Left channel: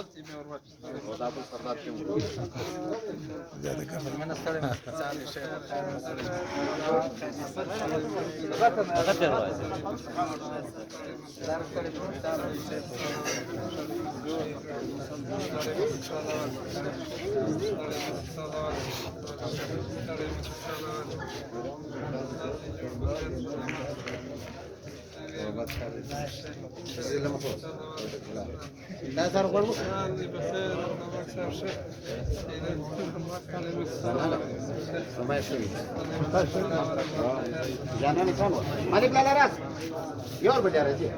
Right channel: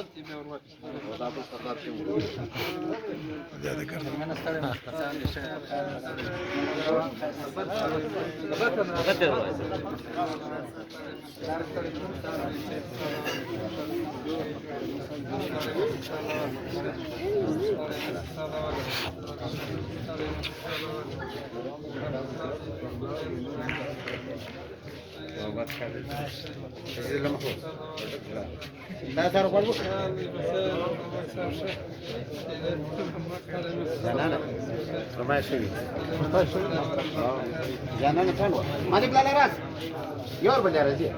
بل څه بیا ور واپس دا بل سردار کې وو بیا دې کړم من ستړی نه ځان دې دا سره کوو ماشي جانا نه کړو مالي بلا راس یور بجا راځي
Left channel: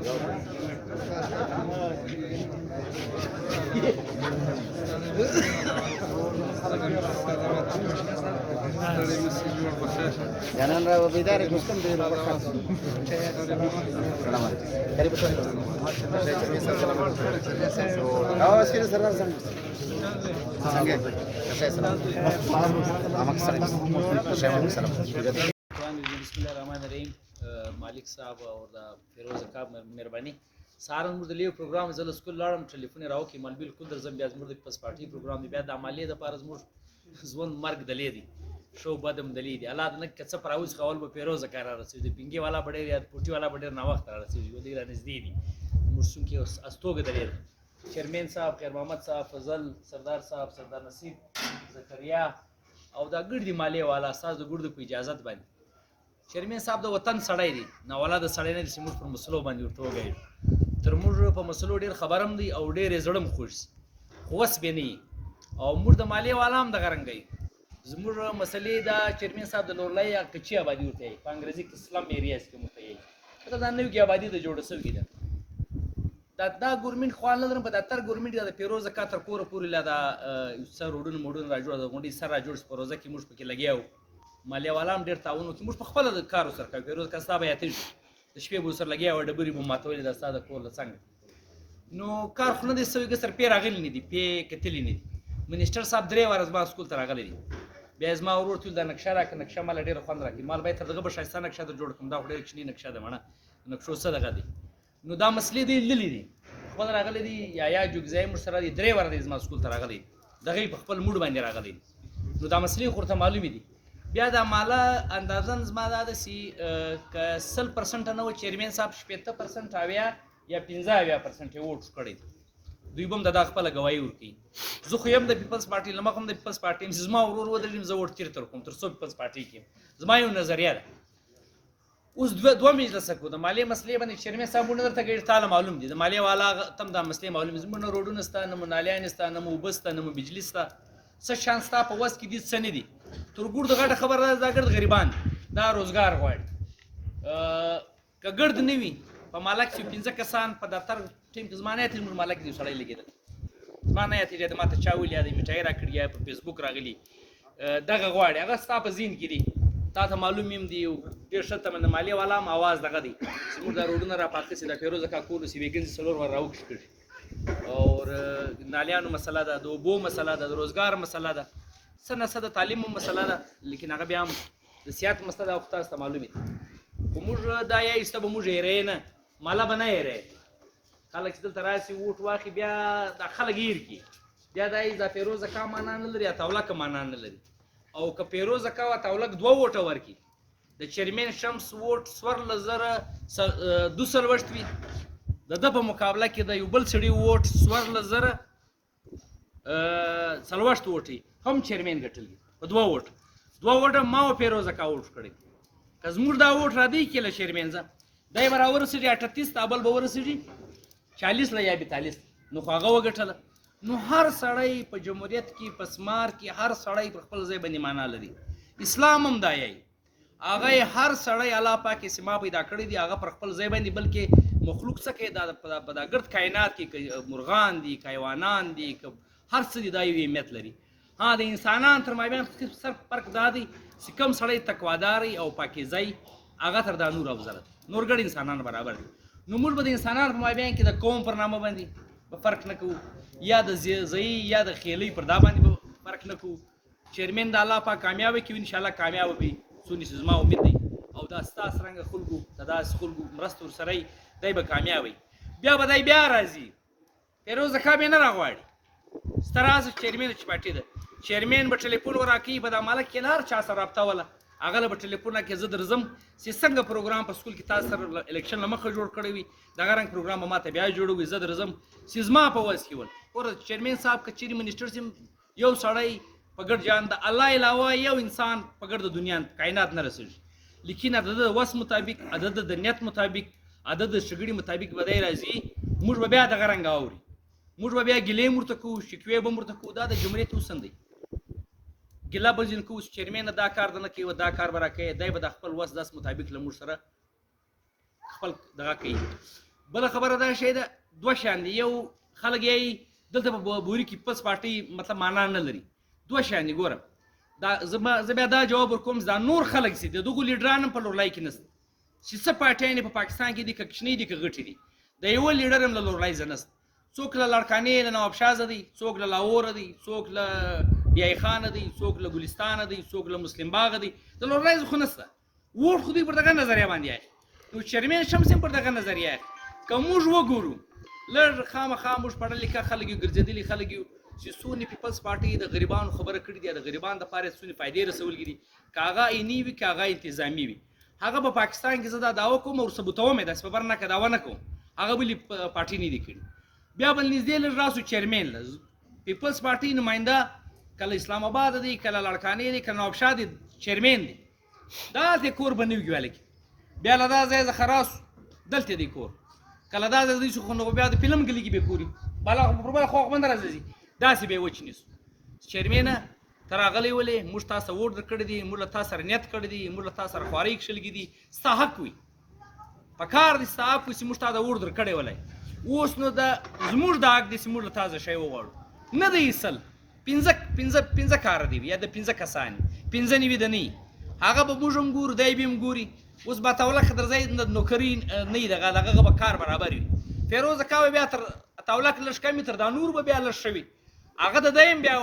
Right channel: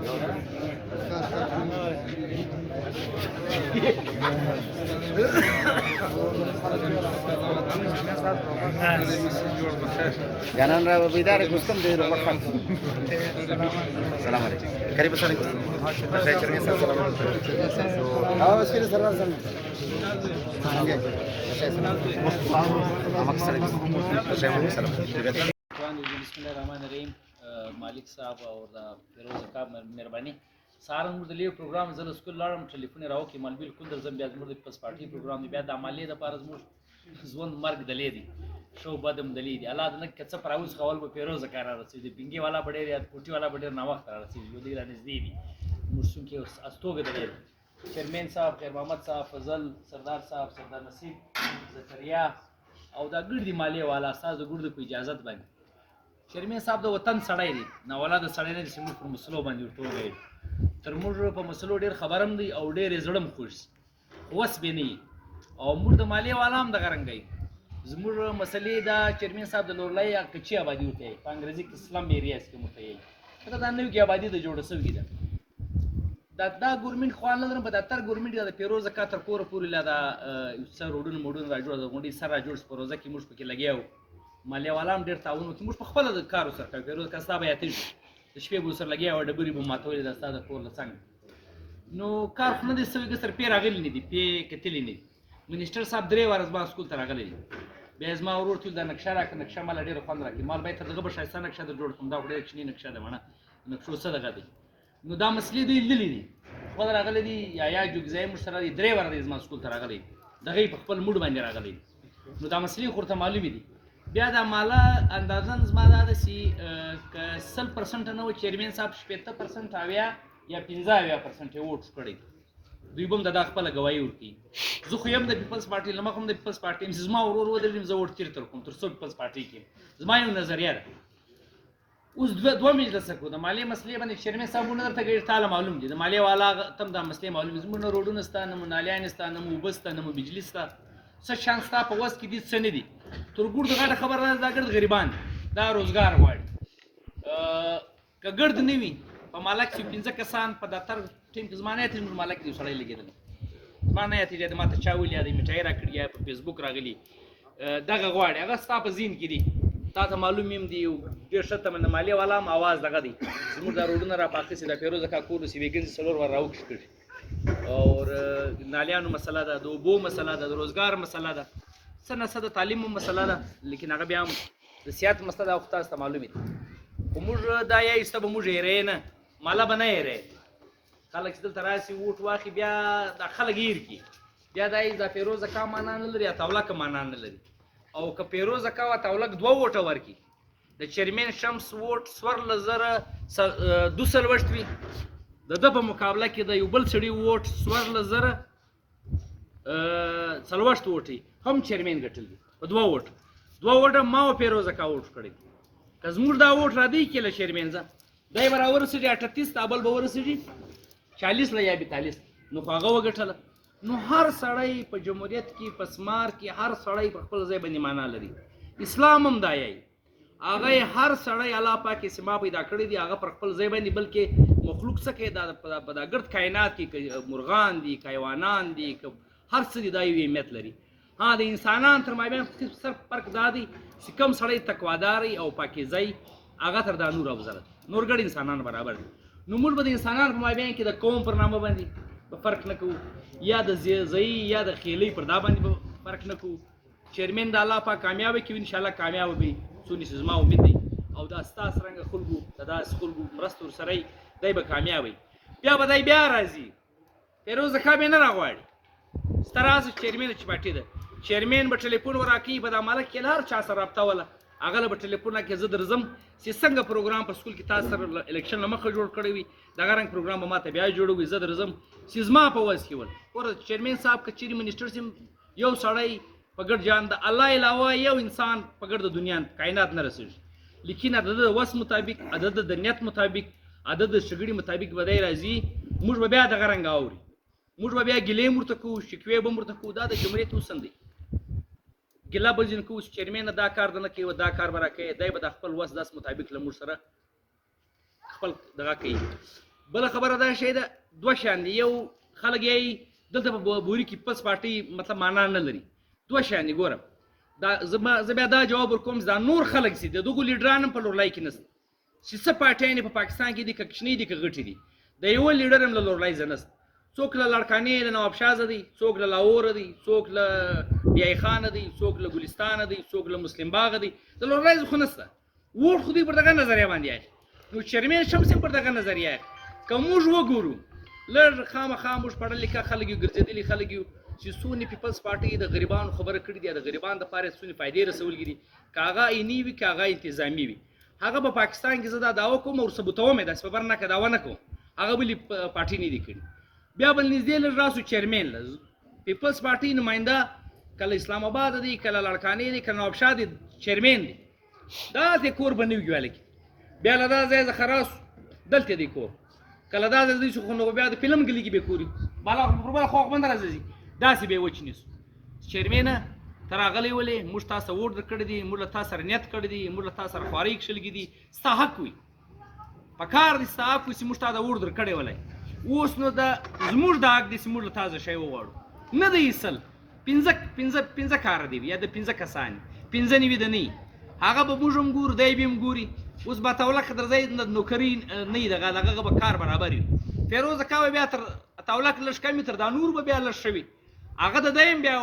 جانان را وبیدار ګستم دې ورو سلام علیکم قریب سره او اسکره سرور څنګه بسم الله الرحمن الرحیم مالک صاحب او د فیروز کاب مهرباني سهار موږ د لیو پروګرام زل سکول لاړم ټلیفون راوکې مال بالکل در زم بیا زموږ د پس پارټي پروګرام دی بیا د عملیې د پاره زموږ ژوند مرګ دلې دی شو بدم دلې دی الله دې کڅ پراوس خول به فیروز کار رسېږي پینګي والا بډېر یا پوټي والا بډېر نه وخت رسېږي یو دی را نږدې دي موږ څنګه استوګه دلې چیرمن صاحب خیر محمد صاحب فضل سردار صاحب سردار نصیب زکریا او دا ګډ دی مالی والا استاد د ګډ په اجازه باندې چیرمن صاحب د وطن سړی دی نه والا د سړی نه سیمه په مسلو باندې ورټوګي تر موږ په مسلو ډیر خبرم دی او ډیر زړم خوش خوس به نه او موږ د مالی والا هم د غرنګي زموږ مسلې دا چیرمن صاحب د لورلای کچي آبادی وته په انګریزي کې اسلام ایریاس کې متعین دا نو کې آبادی د جوړ سل کیده دا ګورمنټ خو نه لرم په داتر ګورمنټ د پیروز کاتر کور پورې لا دا سر وډن موډن راجوړ د غونډي سر راجوړ پروزه کې موږ پکې لګیاو مالی والا هم ډیر تعاون کوي موږ په خپل د کار سره کوي پیروز کا صاحب یاتې د شپې بو سر لګیاو ډبري بو ماتولې د استاد کور لڅنګ نو کار خو نه دي سوي سر پیر راغلی نه دي پی کتلی نه منیسټر صاحب درې ورځ ما سکول ته راغلی بیا زما ورور ټول د نقشه راک نقشه مال ډیر خوند راکې مال به تر دغه بشایسته نقشه د جوړ کوم دا ډیر چني نقشه ده مړه نقشو سره غدي نو دا مسلې دی للی دي خو راغلی دي یا جوګزای مشترا دي درې ورځې زما سکول ته راغلی دغه په خپل موډ باندې راغلی نو دا مسلې خورته معلومې دي بیا دا مالا اندازن زما دا سي ک 100% نه و چیرمن صاحب 70% اویا یا 50% ووټ کړی دوی بم د خپل غوايي ورکی زه خو يم د پیپلز پارټي لمه کوم د پیپلز پارټي زما ورور و د زما ووټ تیر تر کوم تر څو پیپلز پارټي کې زما یو نظریه ده اوس دوه مجلس کو د مالی مسلې باندې چیرمن صاحب نه درته ګیر تعالی معلوم دي د مالی والا تم د مسلې معلوم زمونږ روډونه ستانه منالیان ستانه مو بستانه مو بجلی ستا څه شانس تا په وس کې دي څه نه دي تر ګور د غاټه خبر راځي دا ګرد غریبان دا روزګار غواړي ک ګرد نه وي په مالک چې 15 کسان په دفتر ټیم کې زمانه ته مالک دي سړی لګیدل زمانه ته دې ماته چاول یا دې میټای راکړی یا په فیسبوک راغلی دغه غواړي هغه ستا په زین کې دي تا ته معلوم يم دی ډیر شته من مالی والا م आवाज دغه دی زموږ د روډونو را پاتې سي د پیروز کا کول سی ویګن سلور ور راو کړی او نالیانو مسله ده د وبو مسله ده د روزګار مسله ده سنه سده تعلیم مسله ده لیکن هغه بیا د سیاست مسله ده وخت است معلومه خو موږ دا یا ایسته به موږ یې نه مالا بنه یې خلک دلته راسي ووټ واخی بیا د خلک یې کی بیا د پیروز کا معنا نه لري تاوله کا معنا نه لري او که پیروز کا تاولک دوه ووټه ورکی د چیرمن شمس ووټ سور لزره دوسل وشتوي د په مقابله کې د یو بل سړي ووټ سور لزره سلوشت ووټي هم چیرمن ګټل په دوه ووټه ما او پیروز کا ووټ کړی که زموږ دا ووټ را دی کله چیرمن ځه دای برابر سړي 38 تابل به ورسېږي 40 نه یا 42 نو هغه وګټله نو هر سړی په جمهوریت کې په سمار کې هر سړی په خپل ځای باندې معنا لري اسلام هم دا یی هغه هر سړی الله پاک سما پیدا کړی دی هغه پر خپل ځای باندې بلکې مخلوق څخه دا په ګرد کائنات کې مرغان دي حیوانان دي هر څه دی یو اهمیت لري ها د انسانان تر مابین صرف فرق دا دی چې کوم سړی تقواداري او پاکیزه هغه تر دا نور افضل نور ګډ انسانان برابر دي نو موږ به د انسانانو په مابین کې د قوم پر نامه باندې فرق نه کوو یا د زئی یا د خېلې پر دا باندې فرق نه کوو چیرمن د الله پاک کامیاب کړي ان شاء الله کامیاب وي سونی زما امید دي او دا ستاسو څنګه خلګو دا خلګو مرستور سره دای به کامیاب وي بیا به دای بیا راځي پیروز کا به نه راغواړي ستراز چیرمن چې پټی ده چیرمن به ټلیفون ورکړي به د مالک کې هر چا سره رابطه وله هغه له به ټلیفون راکړي زه درځم چې څنګه پروګرام په سکول کې تاسو سره الیکشن نه مخه جوړ کړی وي دغه رنګ پروګرام به ماته بیا جوړوي زه درځم چې زما په وس کې ول ګوره چیرمن صاحب که چیرې منسټر سیم یو سړی په ګډ جان د الله علاوه یو انسان په ګډ د دنیا کائنات نه رسېږي لیکن د وس مطابق د نیت مطابق د شګړې مطابق به دی راځي موږ به بیا دغه رنګ اوري موږ به بیا ګیلې ورته کوو شکوې به ورته کوو دا د جمهوریت اصل دی ګیله به ځینې کوو چې چیرمن دا کار نه کوي دا کار به راکوي دی به د خپل وس داس مطابق له موږ سره خپل دغه کوي بله خبره دا شی ده دوه شیان دي یو خلک یې دلته په بوري کې پس پارټي مطلب معنا نه لري دوه شیان دي ګوره دا زه بیا دا جواب ورکوم دا نور خلک چې د دغو لیډران هم په لورلای کې نشته چې څه پارټیانې په پاکستان کې دي که کوچنۍ دي که غټې دي د یوه لیډر هم له لورلای زه نشته څوک له لړکانې له نواب شازه دی څوک له لاهوره دی څوک له بیای خانه دی څوک له ګلستانه دی څوک له مسلم باغه دی د لورلای خو نشته ووټ خو دوی پر دغه نظریه باندې اخلي نو چیرمن شمس هم پر دغه نظریه اخلي که موږ وګورو لږ خامخا موږ پړه لیکه خلک یو ګرځېدلي خلک یو چې څونه پیپلز پارټي د غریبانو خبره کړې دي د غریبانو دپاره څونه فایدې رسولي دي که هغه عیني وي که هغه انتظامي وي هغه به پاکستان کې زه دا دعوه کوم او ثبوتوم یې داسې په بر نه که دعوه نه کوم هغه بلې پارټي نه دي کړي بیا بل نږدې لږ راسو چیرمن پیپلز پارټي نماینده کله اسلام آباد دی کله لړکانې دی کله نوابشاه دی چیرمن دی داسې کور به نه وي ګوالې بیا له دا ځای څخه راسو دلته دی کور کله دا ځای دی چې خو نو بیا د فلم ګلي کې به کوري بله خو بنده راځي داسې به یې وچ نیسو چیرمنه ته راغلی ولې موږ تا سره ووټ درکړی دی موږ له تا سره نیت کړی دی موږ له تا سره خوارۍ کښلګي دي ستا حق وي پکار دی ستا حق وي چې موږ تا د ووټ درکړی ولی اوس نو د زموږ د حق دی چې موږ له تا زه شی وغواړو نه دی ایسل پنځه کاره دی یا د پنځه کسان پنځه نوي د نه هغه به موږ هم ګورو دی به هم ګوري اوس به تولک درځی د نوکري نه وي دغه به کار برابر وي فیروز کاوه بیا تر تولک لږ کم تر دا نور به بیا لږ شوي هغه د دی هم بیا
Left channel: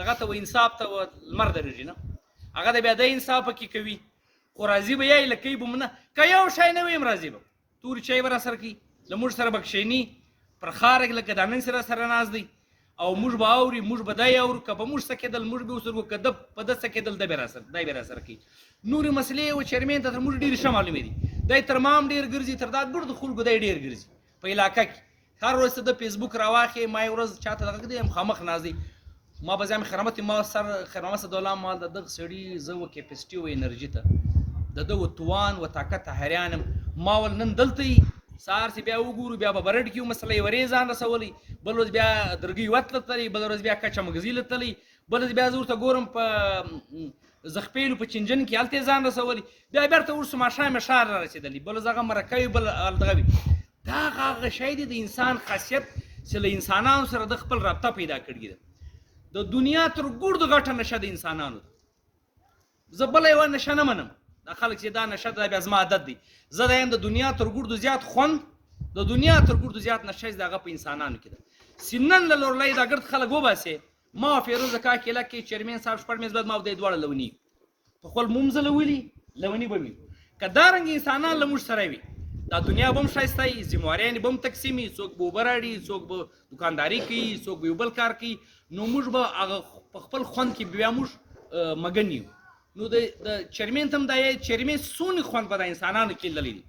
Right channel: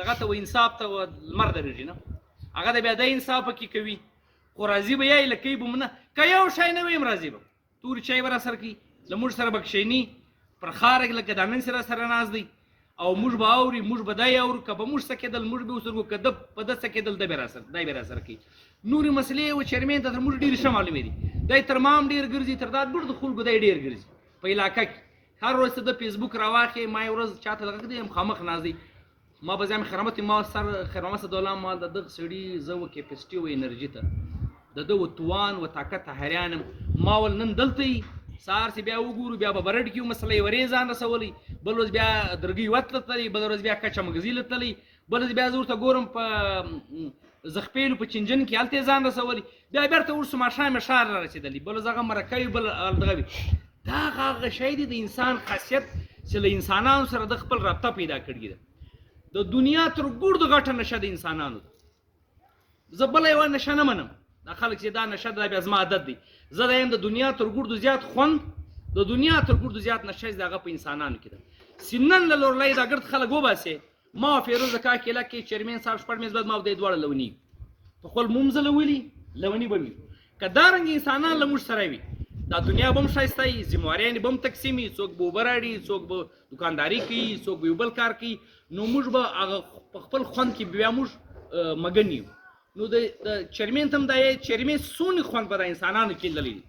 دغه ته انصاف ته لمر درېږي نه هغه د بیا دی انصاف پکې کوي خو راضي به یا یې لکوي به نه که یو شی نه وي هم راضي به تورې چای به راسره کوي له موږ سره به کښېني پر خاره لکه دا نن سره ناست دی او موږ به اوري موږ به دی اورو که به موږ څه کېدل موږ به ورسره که ده په ده څه کېدل دی به راسره کوي نورې مسلې و چیرمن ته تر موږ ډېرې ښه معلومې دي دی تر ما هم ډېر ګرځي تر دا ګوډ د خلکو دی ډېر ګرځي په علاقه کې هر ورځ ته د فیسبوک راواخې ما یو ورځ چاته دغه دی مخامخ ناست دی ما به ځان خرمت ما سر خرمه صدالله ما د دغه سړي زه و کیپسټي و انرژي ته د ده و توان و طاقت حیرانم ما ول نن دلته یي سهار چې بیا وګورو بیا به برډ کې مسله یې ورې ځان رسولی بل ورځ بیا درګۍ وتله تللی بل ورځ بیا کچه مګزي له تللی بل ورځ بیا زه ورته ګورم په زخپیلو په چنجن کې هلته یې ځان رسولی بیا بیرته ورسو ماښام یې ښار را رسېدلی بل ورځ هغه مرکه وي بل دغه وي دا هغه شی دی د انسان خاصیت چې له انسانانو سره د خپل رابطه پیدا کړې ده د دنیا تر ګوډ غټه نشه د انسانانو زه بله یوه نشه نه منم دا خلک چې دا نشه ده بیا زما عادت دی زه دا یم د دنیا تر ګوډو زیات خوند د دنیا تر ګوډو زیات نشه چې د هغه په انسانانو کې ده چې نن له لورلۍ دا ګرد خلک وباسې ما فیروز د کاک علاقې کې چیرمن صاحب شپږ میز بعد ما دی دواړه لوني په خپل مومزه لولي لوني به وي که دارنګه انسانان له موږ سره وي دا دنیا به هم ښایسته وي ذمهواریانې به هم تقسیم وي څوک به اوبه راوړي څوک به دوکانداري کوي څوک به یو بل کار کوي نو موږ به هغه په خپل خوند کې بیا موږ مګن یو نو د چیرمن ته هم دا چیرمن څونه خوند به د انسانانو کې لیدلی دي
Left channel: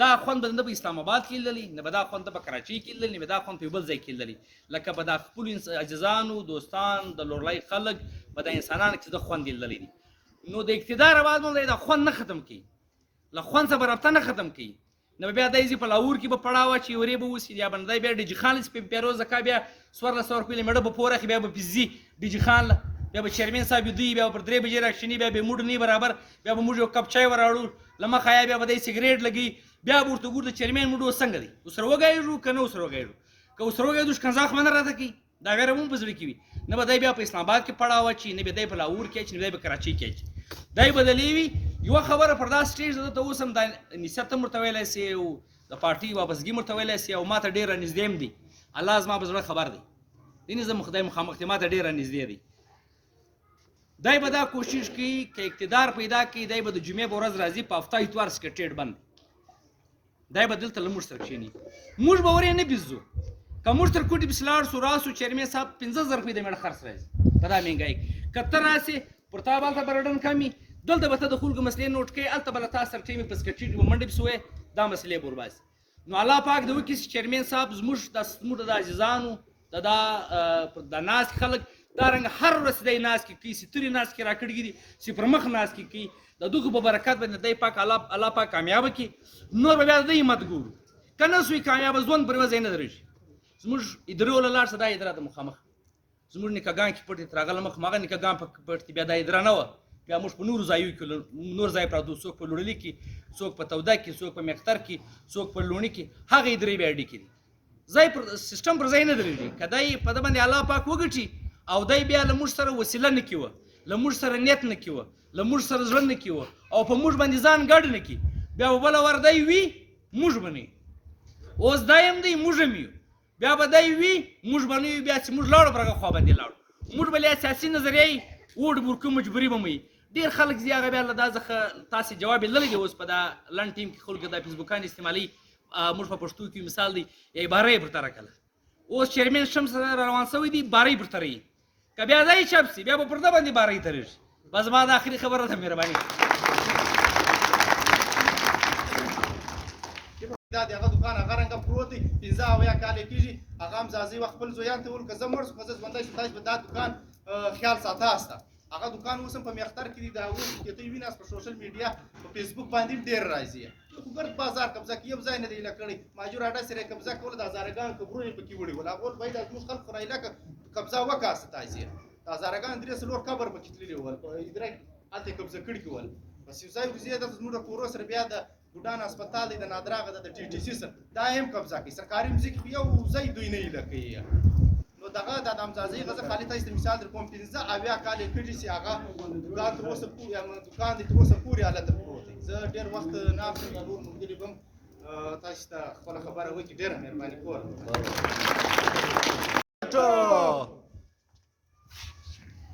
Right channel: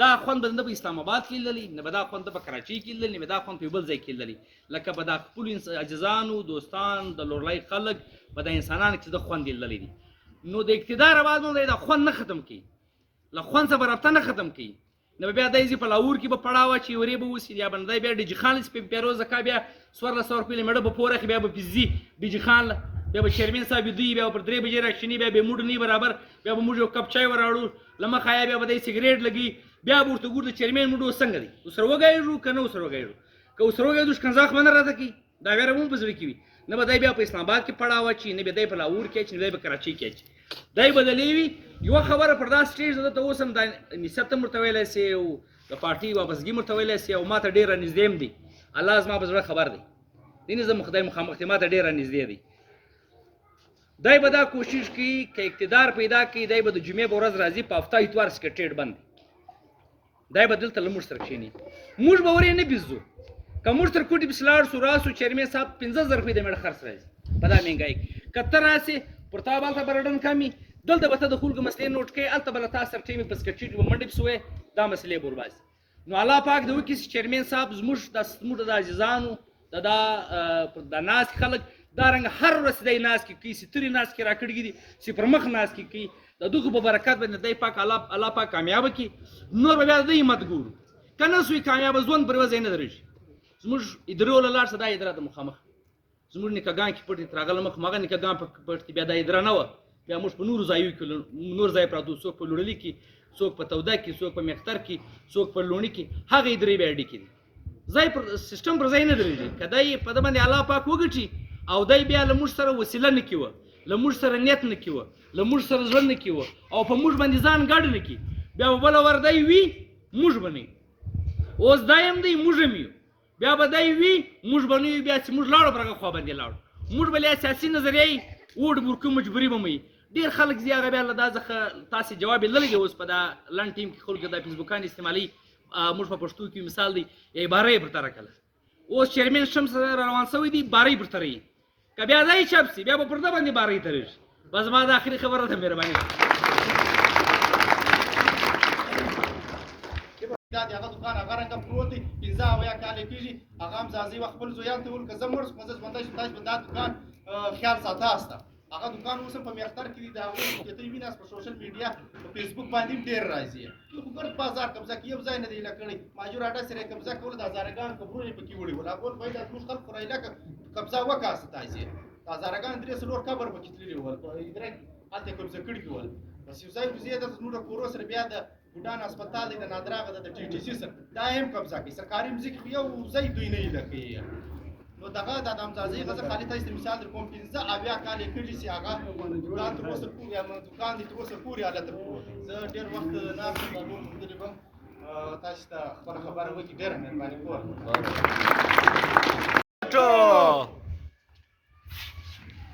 دا خوند به نه په اسلام آباد کې لیدلی نه به دا خوند په کراچۍ کې لیدلی نه به دا خوند په یو بل ځای کې لیدلی لکه به دا خپلو عزیزانو دوستان د لورلۍ خلک به د انسانانو کې د خوند لیدلی دي نو د اقتدار بعد باندې دا خوند نه ختم کړي له خوند څخه به رابطه نه ختم کړي نه بیا دی په لاهور کې به پړاو اچي ورې به اوسي یا به نه دی بیا ډیجي خان پیروز کا بیا 1400 روپۍ مړه به پوره بیا به پیزي ډیجي خان بیا به چیرمن صاحب دوی بیا پر 3 بجې راکښیني بیا به موډ نه برابر بیا به موږ یو کپ چای وراړو لمخه بیا به دی سیګریټ لګي بیا به ورته ګور د چیرمن موډ څنګه دی وسره وګایو کنه وسره وګایو که وسره وګایو د کنځاخ باندې راځي کی دا غیر هم په ځړ کې وي نه به دی بیا په اسلام آباد کې پړاو اچي نه به دی په لاهور کې اچي نه به کراچۍ کې اچي دی بدلی وي یو خبره پر دا سټیج ده ته اوس هم د نسبت مرته ویلی سي او د پارټي واپسګي مرته ویلی سي او ما ته ډېره نږدې هم دي الله زما په زړه خبر دی دینې زه خدای مخامخ دی ما ته ډېره نږدې دی دی به دا کوشش کوي که اقتدار پیدا کړي دی به د جمعې په ورځ راځي په هفته اتوار سکرټریټ بند دی به دلته له موږ سره کښېني موږ به ورې نه بیزو که موږ تر کوټې پسې لاړ شو راسو چیرمن صاحب 15,000 روپۍ د میړه خرڅ راځي په دا مهنګایي کې که ته راسې پر تا به هلته برډن کم وي دلته به ته د خلکو مسلې نوټ کوې هلته به له تا سره ټیمې په سکرټریټ به منډې پسې وایې دا مسلې به ورباسي نو الله پاک د وکړي چې چیرمن صاحب زموږ د عزیزانو د ناست خلک دا رنګ هر ورځ دی ناست کې کوي سترې ناست کې راکړي دي چې پر مخ ناست کې کوي د دغو په برکت باندې دی پاک الله پاک کامیابه کړي نور به بیا د همت ګورو که نه سوی کامیابه ژوند پر ورځ یې نه درېږي زموږ ادرو له لاړ شه دا ادره د مخامخ زموږ نیکهګان کې پټ دي راغله مخ هغه نیکهګان په پټ دي بیا دا ادره نه وه بیا موږ په نورو ځایو کې نور ځای پراته څوک په لوړلي کې څوک په توده کې څوک په مختر کې څوک په لوڼي کې هغه ادرې بیا ډکې دي ځای پر سیسټم پر ځای نه درېږي که دی په ده باندې الله پاک وګټي او دی بیا له موږ سره وسیله نه کړي وه له موږ سره نیت نه کړي وه له موږ سره زړه نه کړي وه او په موږ باندې ځان ګډ نه کړي بیا به بله ور دی وي موږ به نه اوس دا یم دی موږ هم یو بیا به دی وي موږ به نه یو بیا چې موږ لاړو پر هغه خوا باندې لاړو موږ به له سیاسي نظریه یې ووډ بورکو مجبوري به مو ډېر خلک زی هغه بیا له دا څخه تاسې جواب یې نه لګي اوس په دا لنډ ټیم کې خلکو دا فیسبوکان استعمالي موږ په پښتو کې مثال دی یا باره یې پر تره کړله اوس چیرمن شمس روان شوی دی باره یې پر تره یي که بیا دا یې چاپ شي بیا به پر ده باندې باره یې ترېږي بس زما د آخري خبره ده مهرباني دا د هغه دوکان هغه رنګه پروت دی 15 اویا کال یې کېږي هغه هم ځاځي وخت خپل زویان ته ویل که زه مړ شم که زه ژوندی شم تاسو به دا دوکان خیال ساتاست هغه دوکان اوس هم په میختر کې دي د هغوی که ته ویناست په سوشل میډیا په فیسبوک باندې هم ډېر راځي خو ګرد بازار قبضه کې یو ځای نه دی ایله کړی ماجور اډه سره یې قبضه کوله د هزارګان قبرونه یې پکې وړي ول هغه باید زموږ خلک خو ایله قبضه وکړه تاسې د هزارګان 3 قبر پکې تللي ول په ادرک هلته یې قبضه کړي ول بس یو ځای وزې دلته زموږ د کورو سره بیا د ګوډان هسپتال دی د نادراغه د ټي ټي سي سره دا هم قبضه کوي سرکاري مځکې خو یو ځای دوی نه ایله کوي نو دغه د امځازۍ غزه خالي تاسو مثال در کوم 15 اویا کال یې کړي چې هغه دوکان تر اوسه پورې یا دوکان دې تر اوسه پورې حالت پروت دی زه ډېر وخت ناست یم نور ملګري به هم تاسو ته خپله خبره وکړي ډېره مهرباني کوم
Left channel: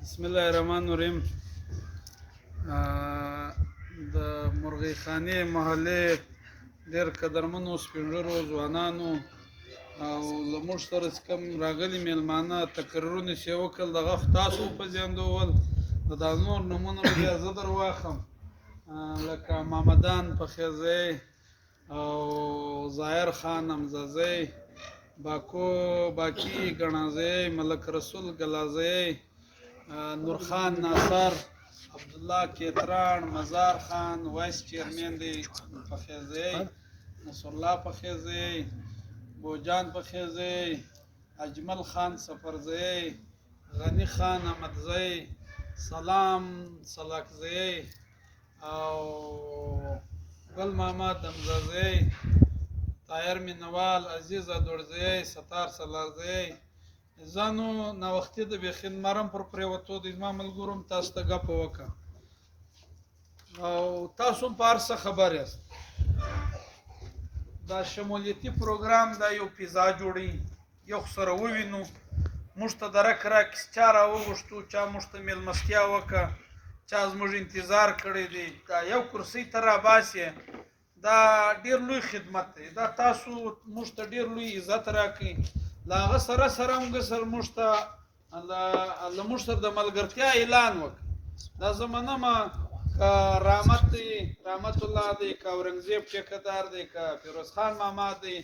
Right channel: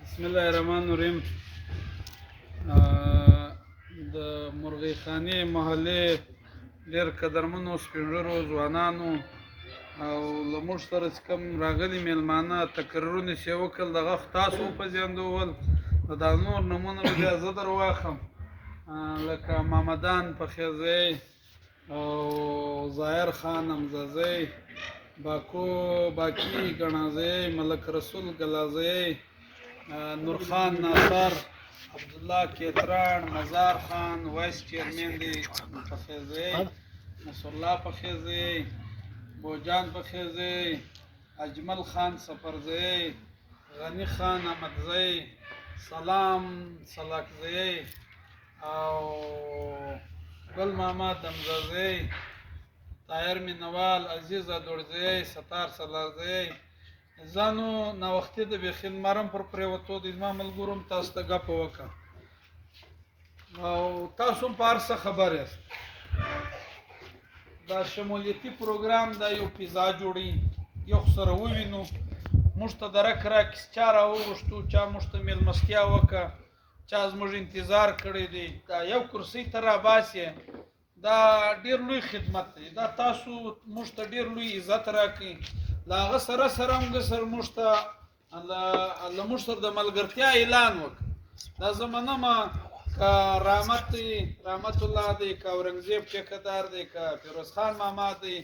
بسم الله الرحمن الرحیم د مرغی خانې محلې ډېر قدرمنو سپین ږیرو ځوانانو او له موږ سره چې کوم راغلي میلمانه تقریرونه چې یې وکړل دغه خو تاسو وپېژندول د دا نور نومونه به بیا زه در واخلم لکه محمدان پخیزی او ظاهر خان امزازی باکی گنازی ملک رسول گلازی نورخان ناصر عبدالله کیتران مزار خان وایس چیرمن دی پخیزی نصرالله پخیزی بوجان پخیزی اجمل خان سفرزی غنی خان احمدزی سلام سلاکزی او گل محمد امزازی طاهر مینوال عزیز ادورزی ستار سلارزی ځانو ناوختي د بیخین مرم پر پریوتو د زما ملګرو هم تاسو ته ګپ وکړه او تاسو هم په هر څه خبر یاست دا شمولیتي پروګرام دا یو پیزا جوړي یو سره ووینو موږ ته درک راکړي چا راوغوښتو چا موږ ته میلمستیا وکړه چا زموږ انتظار کړی دی دا یو کرسۍ ته راباسې دا ډېر لوی خدمت دی دا تاسو موږ ته ډېر لوی عزت راکړي له هغه سره سره هم سر موږ ته له موږ سره د ملګرتیا اعلان وکړه دا زه منمه که رحمت الله دی که اورنګزیب ټیکهدار دی که فیروز خان ماما دی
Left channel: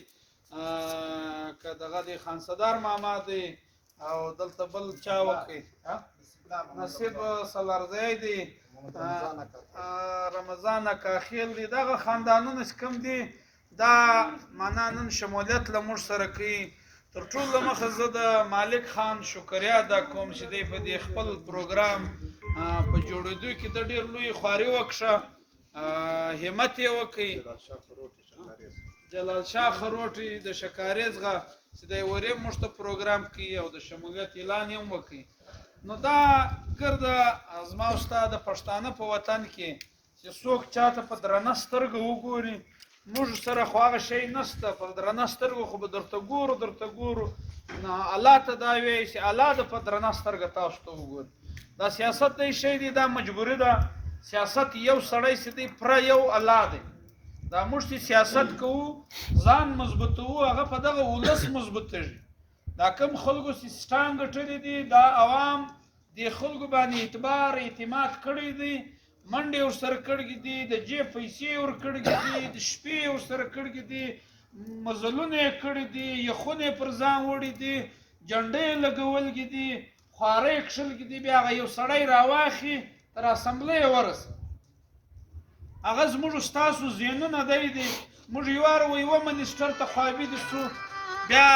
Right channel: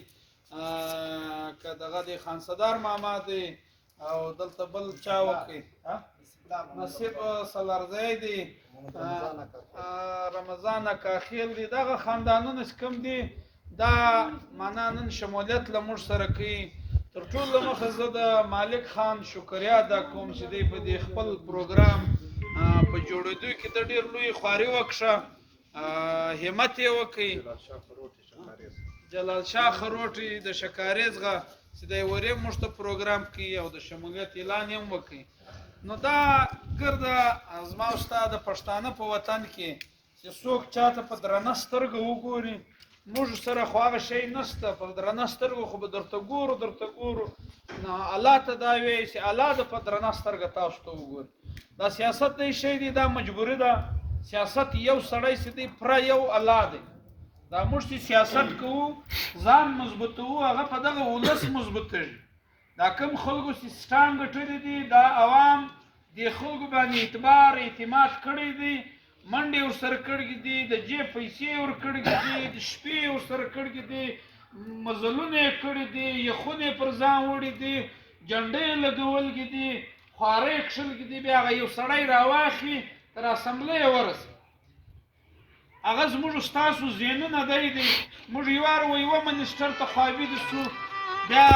که دغه دی خانصدار ماما دی او دلته بل چا وکړي نصیب سلارزی دی رمضان کاخیل دی دغه خاندانونه چې کوم دي دا معنا نن شمولیت له موږ سره کوي تر ټولو مخه زه د مالک خان شکریا ادا کوم چې دی په دې خپل پروګرام په جوړېدو کې د ډېر لوی خواري وکړه همت یې وکړي جلال شاه خروټي د شکاریزغه چې دی ورې موږ ته پروګرام کوي او د شمولیت اعلان یې هم وکړي نو دا ګرده زما او ستا د پښتانه په وطن کې چې څوک چاته په درنه سترګه وګوري موږ سره خو هغه شی نشته په درنه سترګو خو به درته ګورو نو الله ته دا وایي چې الله د په درنه سترګه تاسو ته وګوري دا سیاست دی شی دی دا مجبوري ده سیاست یو سړی چې دی پوره یو الله دی دا موږ چې سیاست کوو ځان مضبوطوو هغه په دغه ولس مضبوطېږي دا کوم خلکو سیستان ګټلي دي دا عوام د خلکو باندې اعتبار اعتماد کړی دی منډې ورسره کړي دي د جیب پیسې ورکړي دي د شپې ورسره کړي دي مزلونه یې کړي دي یخونه یې پر ځان وړي دي جنډې یې لګولي دي خوارۍ یې کښلي دي بیا هغه یو سړی راواخي تر اسمبلۍ یې ورسوي هغه زموږ ستاسو ذهنونه دی موږ یوار یوه منسټر ته خوابدي سو بیا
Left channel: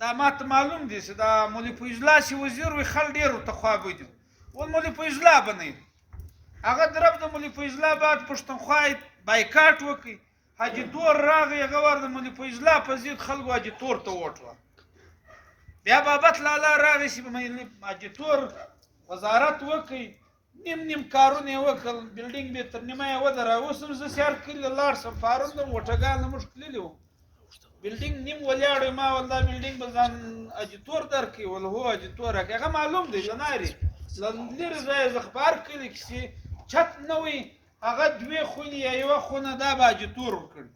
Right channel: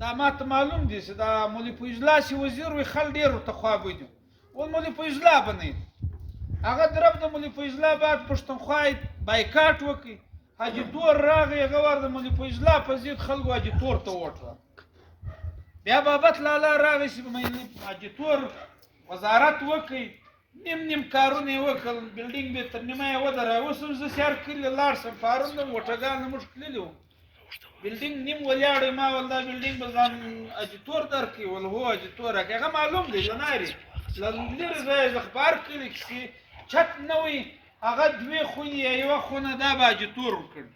دا ماته معلوم دي چې دا مولوي فیض الله چې وزیر وي خل ډېر ورته خوابدي ول مولوي فیض الله به نه هغه درب د مولوي فیض الله بعد پښتونخوا بایکاټ وکړي حاجي تور راغی هغه ور د مولوي فیض الله په ضد خلکو حاجي تور ته ووټ بیا بابت لالا راغی چې حاجي تور وزارت وکړي نیم کارونه یې وکړل بلډینګ به تر نیمه یې ودره اوس هم زه سیار کلي لاړ شم پرون د موټرګان نه موږ تللي وو بلډینګ نیم ولاړ ما ول دا بلډینګ به ځان حاجي تور درکړي ول هو حاجي تور راکړي هغه معلوم دی لناري لرې ځای زه اخبار کلي کښې چت نه وي هغه دوې خونې یا یوه خونه دا به حاجي تور ورکړي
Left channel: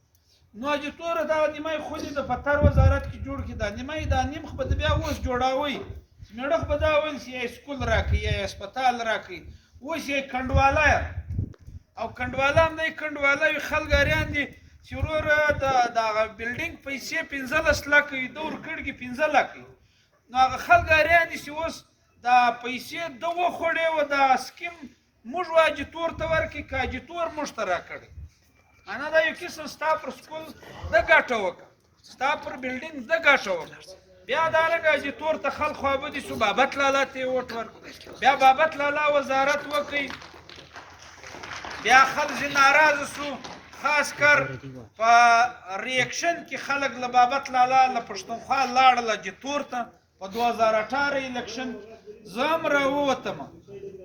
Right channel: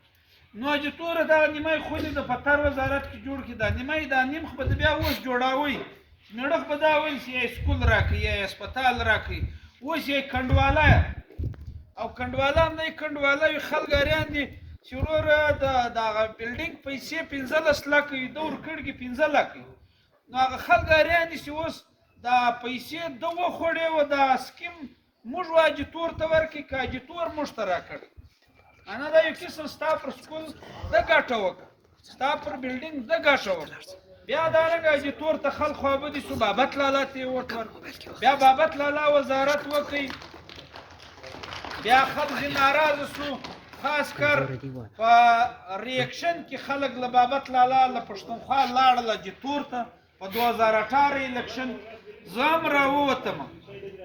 نو حاجي تور دا نیمه خونې د پتر وزارت کې جوړ کړي دا نیمه دا نیم خو به د بیا اوس جوړوئ نړخ به دا ویل چې یا سکول راکړي یا هسپتال راکړي اوس یې کنډواله او کنډواله هم دی کنډواله وي خلګاریان دي چې وروره د هغه بلډینګ پیسې 15 لکه یې ده ورکړي 15 لکه نو هغه خلګاریان دي چې اوس دا پیسې ده وخوړې وه دا سکیم موږ حاجي تور ته ورکړي که حاجي تور موږ ته راکړي انا دا یو قسم ستا پر سکول ده ګټه وکړه ستا پر بلډینګ ده ګټه وکړه بیا دارنګه حاجي تور ته خلک خوابدي سو بابت لالا ته یې ووټ ورکړ بیا بابت لالا وزارت وکړي بیا خلک ځینې ناراضه سو خاص کر په ریاکشن کې خلک له بابت لالا له پښتونخوا لاړل حاجي تور ته په 2018 الیکشن زه هم راووتم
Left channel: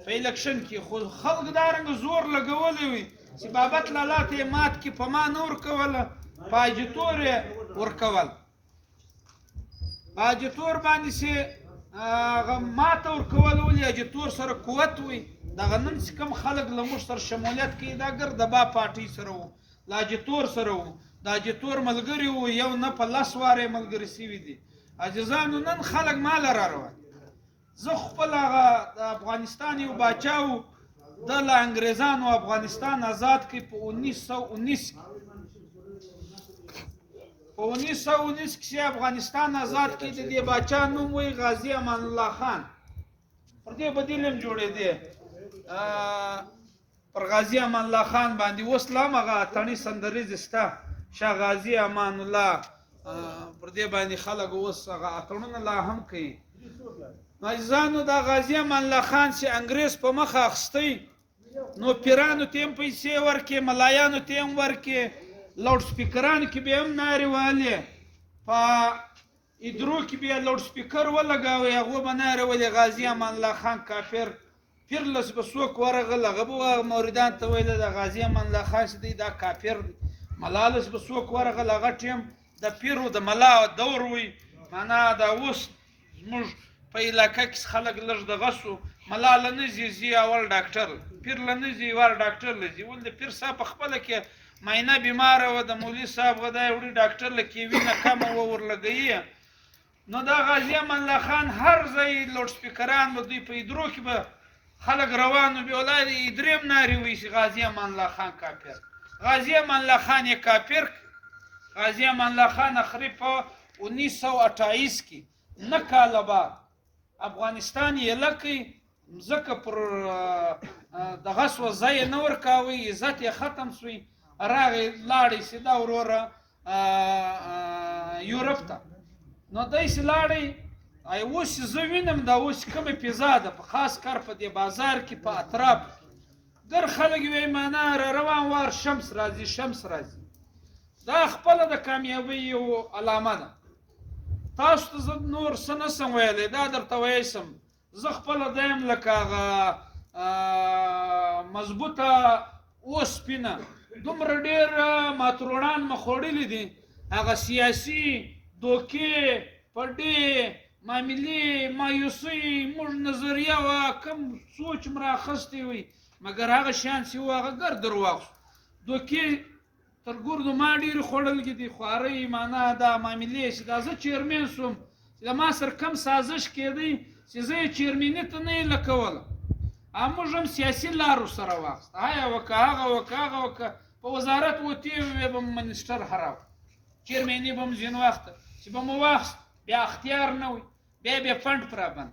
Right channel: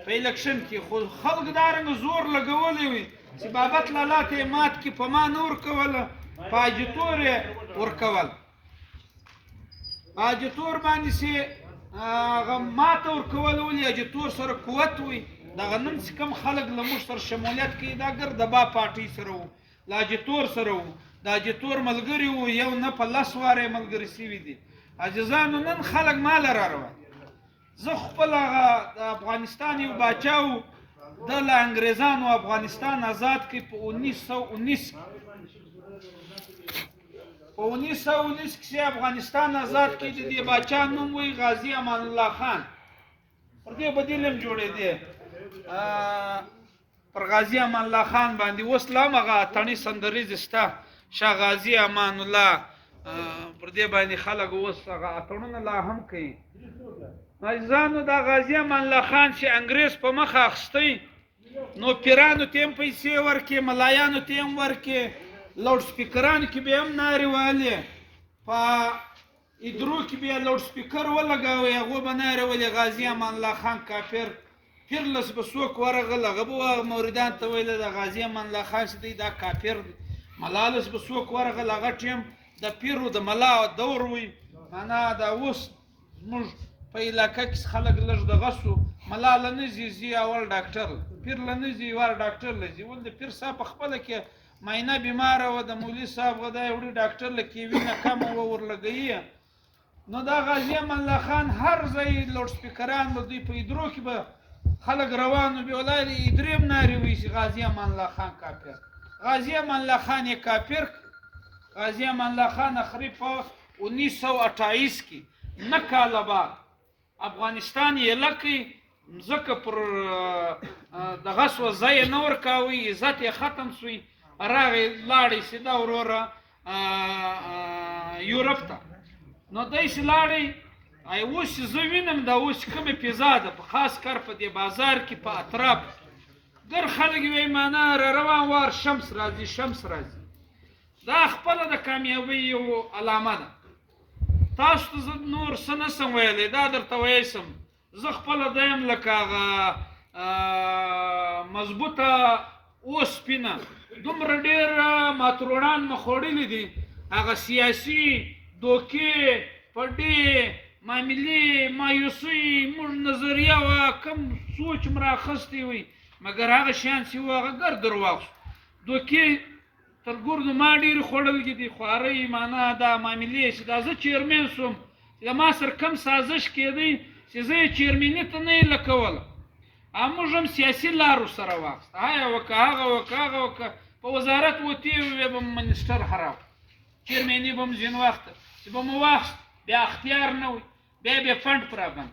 په الیکشن کې خو خلک دارنګه زور لګولی وي چې بابت لالا ته یې مات کې په ما نه ورکوله په حاجي تور یې ورکول حاجي تور باندې چې هغه ماته ورکول ولې حاجي تور سره قوت وي دغه نن چې کوم خلک له موږ سره شمولیت کوي دا ګردبا پارټۍ سره وو له حاجي تور سره وو د حاجي تور ملګري وو یو نه په 10 واره ملګري سوي دي عاجزانو نن خلک مال را روان زه خپل هغه د افغانستان یو باچا و د له انګریزانو افغانستان آزاد کړي په 1919 په 1919 کې افغانستان آزاد کړي د دې باچا نوم وی غازي امان الله خان پر دې بدیل هم جوړېدی پر غازي امان الله خان باندې اوس لا هم هغه اتڼي سندریز شته شاه غازي امان الله پر دې باندې خلک اوس هغه اتڼونه لا هم کوي عزیزانو دا غازي امان الله خان چې انګریز په مخه اخیستی نو پیرانو ته هم پیسې ورکړي ملایانو ته هم ورکړي لاوډ سپیکرانو کې به هم نارې وهلې په ادرو کې به یې لاوډ سپیکر ولګاوی هغو به نارې وهلې غازي امان الله خان کافر پیرلس به څوک ورغل هغه به موریدان ته ویل د غازي امان الله خان چې دی دا کافر دی ملالس به څوک ورغل هغه ټیم د پیرو د ملا دور وي معنا دا اوس زموږ په علاقه کې خلک لږ دغه سو ملا له نه ځي اول ډاکټر پیر له نه ځي ور ډاکټر له ځي ول د پیر صاحب په خپله کې معاینه بیماره وه د مولوي صاحب غدا وړي ډاکټر له کې وینه کمه وه ورلګوي نو دا غازي امان الله خان هر ځای لوډ سپیکران به دوی په ادرو کې به خلک روان وو بیا ولا ادرې هم نارې وایي چې غازي امان الله خان کافر غازي امان الله خان یې کافر غازي امان الله خان اخري په 1928 کې نه کاله بعد افغانستان یې لکه ځکه پر دغه سوه ځای یې نه ورکاوه عزت یې ختم سوی راغی لاړی سیده وروره یورپ ته نو داسې لاړی اوس چې زه وینم دا اوس کومې فضا ده په خاص کار په دې بازار کې په اطراف ګر خلک وایي معنا را روان وار شمس راځي شمس راځي دا خپله د کامیابۍ یو علامه ده تاسو ته زه نور څه نه سم ویلی دا درته ویلی سم زه خپله دیم لکه هغه مضبوطه اوسپینه دومره ډېر ماتروړان مې خوړلي دي هغه سیاسي دوکې پډې معاملې مایوسۍ موږ نظریه وه کم سوچ م رااخیستی وي مګر هغه شیان چې وو هغه ګر درواغ شو دوکې تر ګوردو ما ډېرې خوړلي دي خوارۍ معنا دا معاملې چې دا زه چیرمن سوم چې چې ما سره کم سازش کېدی چې زه یې چیرمني ته نه یې لکوله موږ هم سیاسي لارو سره واخیسته هغه وکړه هغه وکړه هغه وکړه په وزارت وتې وې به منسټر هراو چیرمني به م ځینې وخته چې به مو واخیست بیا اختیار نه وي بیا بیا فنډ پرابند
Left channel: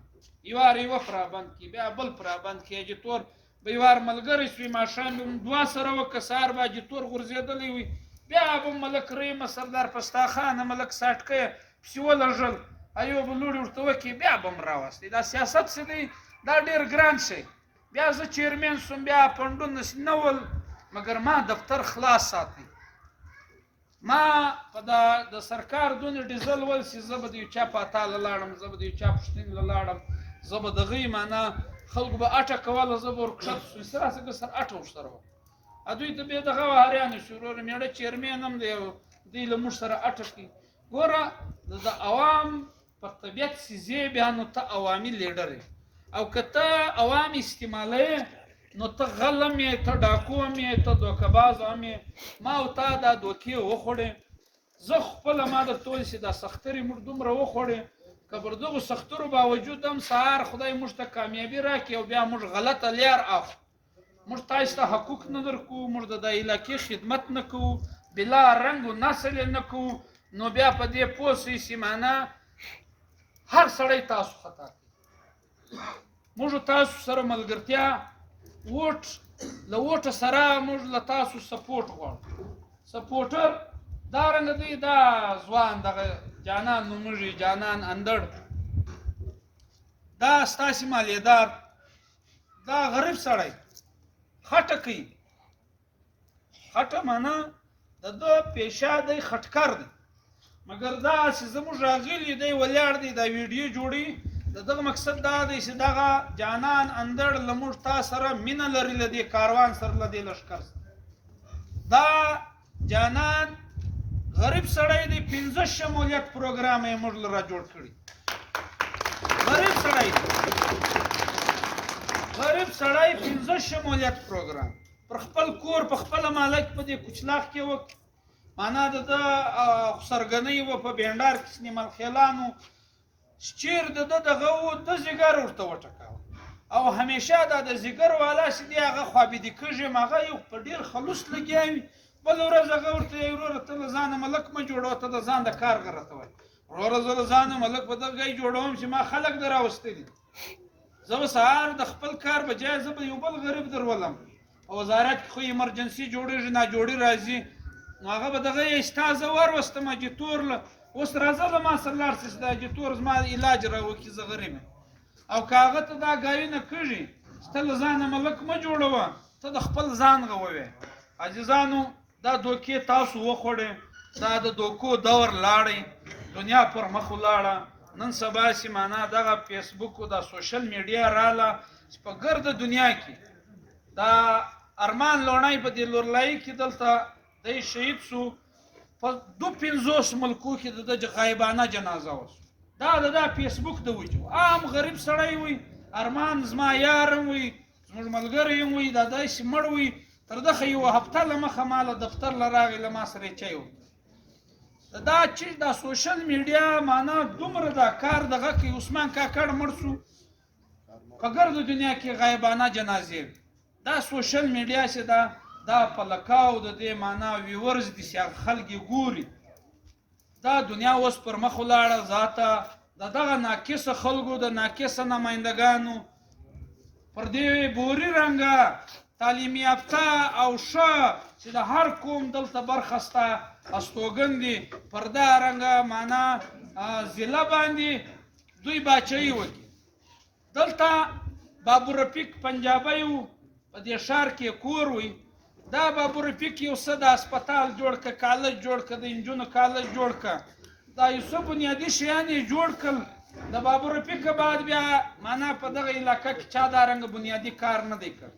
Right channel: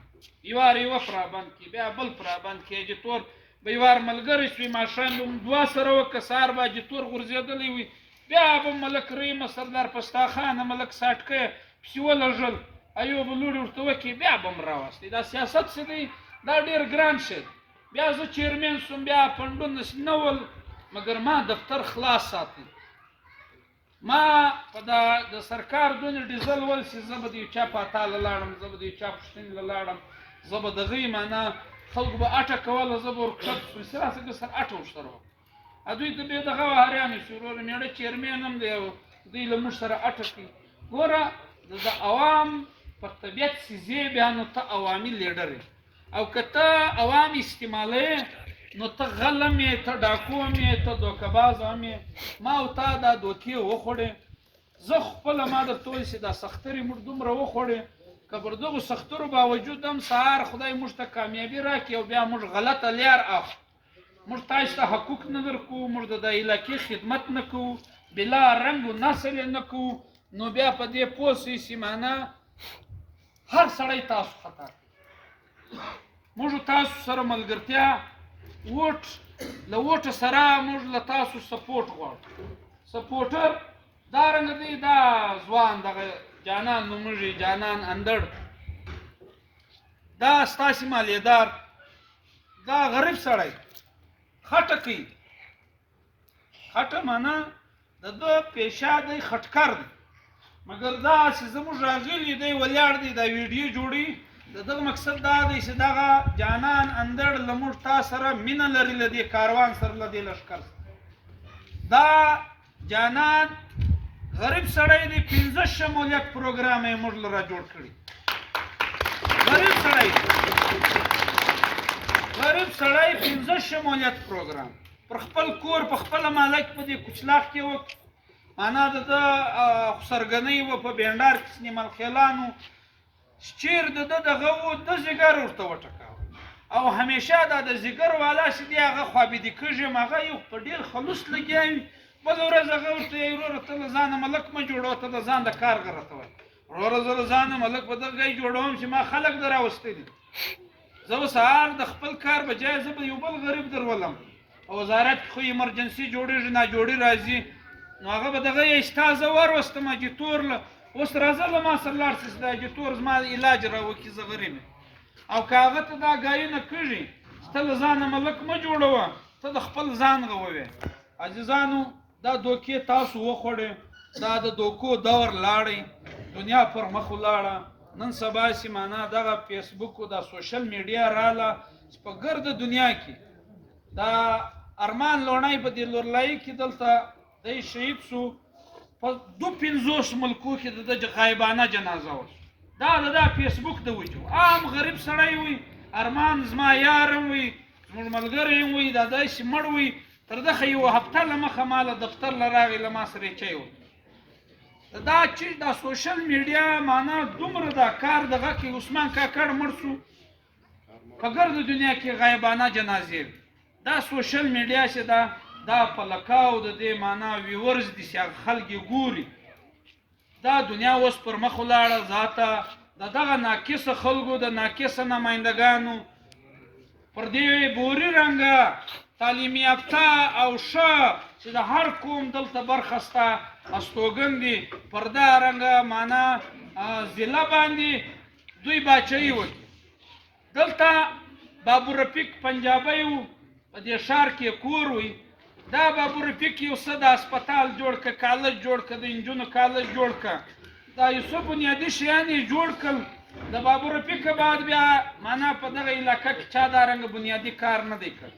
یوار یوه پرابند کړي بیا بل پرابند کړي اجیتور به یوار ملګری شوي ماښام به م دوه سره وکړه سهار به اجیتور غورځېدلی وي بیا به ملک رحیمه سردار پستاخانه ملک ساټکیه پسې ولږل ایوب لوړې ورته وکړي بیا به م راوستې دا سیاست څه دی دا ډېر ګران شی بیا زه چیرمن شوم بیا فنډونه نه ول مګر ما دفتر خلاص ساتي ما په د سرکار دونې ډیزل ول چې زه به د یو چا په اتاله لاړم زه به د یو چا پوښتنې له لاړم زه به دغې معنا خلکو به اټه کوله زه به ورکښته شوم چې راسه که سر اټه ورسره وه دوی ته بیا دغه وهریانې شو وروره مېړه چیرمن هم دی او دوی له موږ سره اټه کوي ګوره د عوام په طبیعت سیزې بیا نو ته عوامي لیډر یې او که ته عوام استعمالوې نو ته غلم یې ته ډاکو هم یې ته دوکهباز هم یې ما او تا دا دوکې وخوړې زه خپله ما درته وایي چې دا سخترې موږ دومره وخوړې که پر دغو سخترو باوجود هم سهار خدای موږ ته کامیابي راکړي او بیا موږ غلطه لار اخلو موږ تاسو ته حقوق نه درکوو موږ د علاقې خدمت نه کوو بلا رنګ و نسل یې نه کوو نو بیا په دې پوه شئ چې معنا هر سړی تاسو خطا کوي موږ تاسو سره ملګرتیا ووټ له ووټه سره موږ له تاسو سپورټ غواړو سپورټر دا رنګه دی دا ځوان دغه جانان نومېږي جانان اندړ دا ستاسې مالیدار دا غریب سړی خټه کوي خټه معنا د ده پیشه دی خټکر دی مګر دا چې زموږ راغلي دی ولاړ دی دا ویډیو جوړي د دغه مقصد دا دی چې دغه جانان اندړ له موږ تا سره مینه لري له دې کاروان سره له دې لښکر سره دا جانان غریب سړی دی 15 شمولیت پروګرام یې موږ له را جوړ کړي غریب سړی 15 شمولیت پروګرام پر خپل کور په خپله مالک په دې کوچلاک کې وکړي معنا د ده خسرګنۍ وه په بینډار کې سنیمل خیلانو چیر د ده دغه و د ځیګر ورته وټکاوه او همیشه دا د ځیګر والا چې دی هغه خوابیدي کېږي هغه یو په ډېر خلوص لګیا وي بله ورځ هغه ورته وایي وروره ته له ځانه ملک مه جوړوه ته د ځان د کارغه راته وایي وروره زه له ځانه ملک په دغه ځای جوړوم چې ما خلک در راوستی دي زه به سهار د خپل کار بجای زه به یو بل غریب درولم په وزارت کې خو ایمرجنسي جوړېږي ناجوړي راځي نو هغه به دغه یې ستا زه وروستم اجیتور له اوس راځه له ما سره لاړ شي چې د اجیتور زما علاج راوکړي زه غریب یم او که هغه ته دا ګایونه کېږي چې ته له ځانه ملک مه جوړوه ته د خپل ځان غووې عزیزانو دا دوکې تاسو وخوړې دا د دوکو دور لاړی دنیا پر مخ ولاړه نن سبا چې معنا دغه فیسبوک او دا سوشل میډیا راله چې په ګرده دنیا کې دا ارمان لوڼی په دې لورلایي کې دلته دی شهید سو په 250 ملکو کې د ده غایبانه جنازه وه دا د دا فیسبوک د وجو عام غریب سړی وي ارمان زما یار وي زموږ ملګری وي دا داسې مړ وي تر دغه یوه هفته له مخه ما له دفتر له راغی له ما سره یې چای وکړ دا چیز دا سوشل میډیا معنا دومره دا کار دغه کې عثمان کاکړ مړ سو په ګرده دنیا کې غایبانه جنازې وي دا سوشل میډیا چې دا په لکاو د دې معنا ویورز دي چې هغه خلک یې ګوري دا دنیا اوس پر مخ ولاړه ذاته د دغه ناقصه خلکو د ناقصه نمایندګانو پر دې بوري رنګه تعلیم یافته او ښه چې د هر قوم دلته برخه شته استوګن دي پر دا رنګه معنا ضلع باندې دوی باچهي وکړي دلته بابو رفیق پنجابی و په دې ښار کې کور وي دا بابو رفیق یو څه د هسپتال جوړ که کالج جوړ که د انجونو کالج جوړ که دا یو څه بنیادي شیان یې جوړ کړل د بابو رفیق بعد بیا معنا په دغه علاقه کې چا دا رنګه بنیادي کار نه دی کړی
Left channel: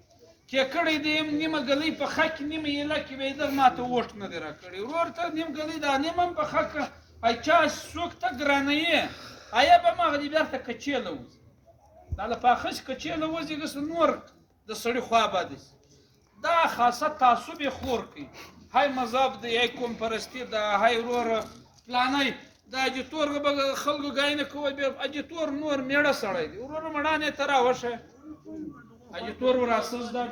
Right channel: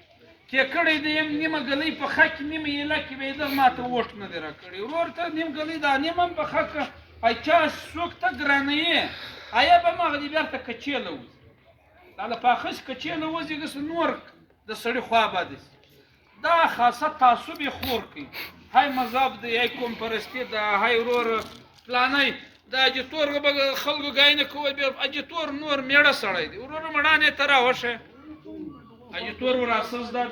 کې کړی دی یم نیمه ګلۍ په ښه کې نیمه ایله کې به یې دغه ما ته ووټ نه دی راکړی ورور ته نیم ګلۍ دا نیم هم په ښه که ای چا څوک ته ګرانه یې آیا به مغه دې بیرته کچېله وځي دا له پاخه چې کچېله وځي داسې نور د سړي خوا بادي دا خاصه تعصب یې خور کوي های مذهب دی های قوم پرستي ده های ورور فلانی د اجتور به خلکو ګاینه کول بیا اجتور نور میړه سړی دی ورور مړانه ته راوشه اجتور ور اساس ده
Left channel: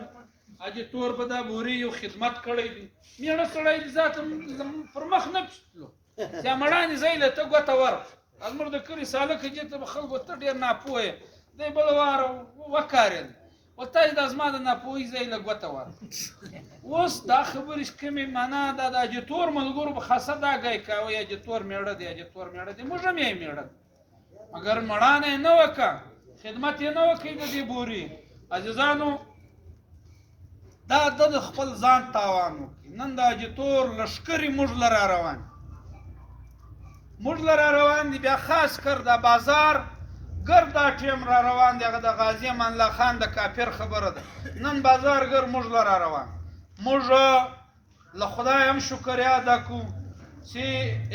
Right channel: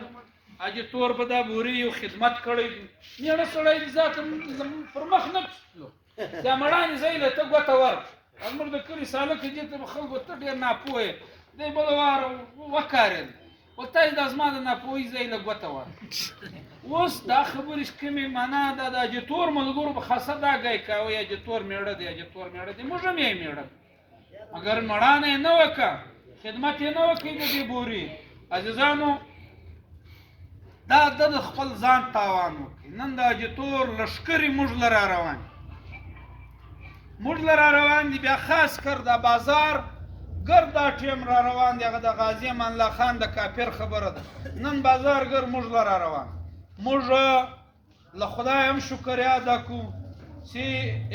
اجتور به دا بوري یو خدمت کړی دی میړه سړی دی ذات پر مخ نه پسلو یا مړانه زیله ته ګوته ور امر د کلی ساله کې چې ته خلکو ته ډیر ناپوهه دی بل وار وکارل وته د ازما د ناپوهي زیله ګوته ور اوس دا خبرې کومې معنا دا د اجتور ملګرو په خاصه دا گای کاوه اجتور میړه دی اجتور میړه دی موږ هم یې میړه مگر مړانه نه وکا خدمت یې نه وکړي د دې بوري عزیزانو دا د خپل ځان تاوان وکړي نن د اجتور لشکري موږ لره روان موږ لره روان دي بیا خاص کر د بازار ګر دا ټیم را روان دی هغه د غازی امان الله خان د کافر خبره ده نن بازار ګر موږ لره روان موږ له خدای هم شکریا ادا کوو چې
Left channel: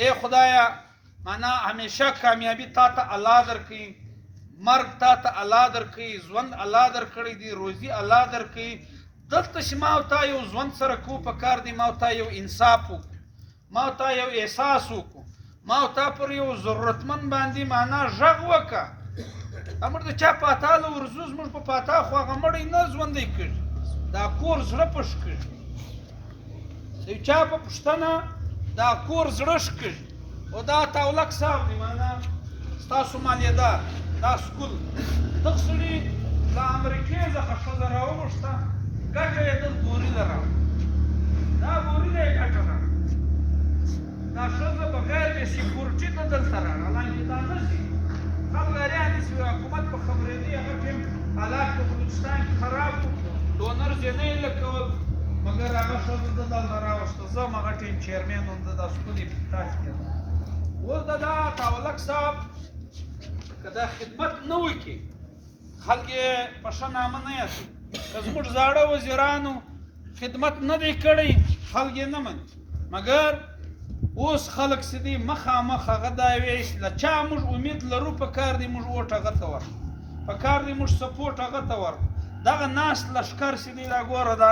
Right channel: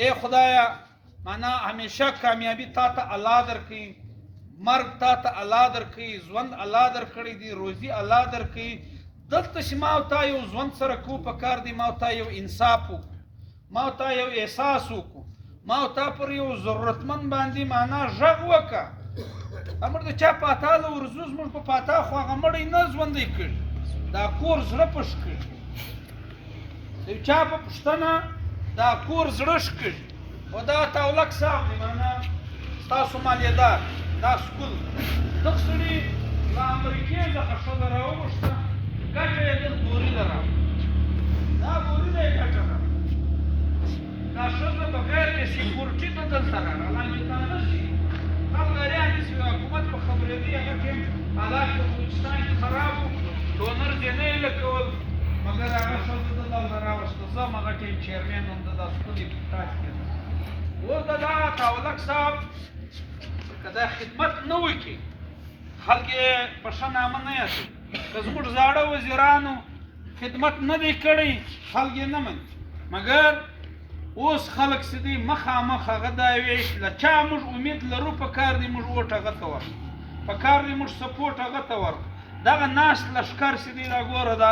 ای خدایا معنا همیشه کامیابی تا ته الله درکړي مرګ تا ته الله درکړي ژوند الله درکړی دی روزي الله درکړي دلته چې ما او تا یو ژوند سره کو په کار دی ما او تا یو انصاف وکړو ما او تا یو احساس وکړو ما او تا پر یو ضرورتمند باندې معنا غږ وکړه امر د چا پاتاله ورزوز موږ په پاتا خو هغه مړی نه ژوندی کړي دا کور زړه پش کړي د چا په پښتنه دا کور زړه کړي او دا تاولک صاحب دی معنا تاسو مالیدار دا سکول دغه سړي د امریکې څخه ښځه راوغوښته ګټه یې د بوري لره دا بوري دی ګټه دا ښځه بغیر د سیکورټي ته دلته راغله تا نه شي خلګاریان چې حکومت په خبرېدي هغه ټیم حالات په بلوچستان کې خراب وو ډونر ځینې یې لکول مګر هغه ښځه دلته راوسته زه هم هغه ټیم چیرمین هم د دا سکول افتتاح کېده اوس د دا تاولک صاحب که دا خدمت نه وکړي خلک یې په ښه نامه نه یادوي که زموږ زاړه وزیرانو خدمت نه دی کړی خلک یې نه مني مګر اوس خلک چې دي مخامخ هغه دا ویش له چا موږ امید لرو په کار دی موږ ووټ هغه ته ورکړو په کار دی موږ سپورټ هغه ته ورکړو دغه ناست لښکر چې دی دا ګوره دا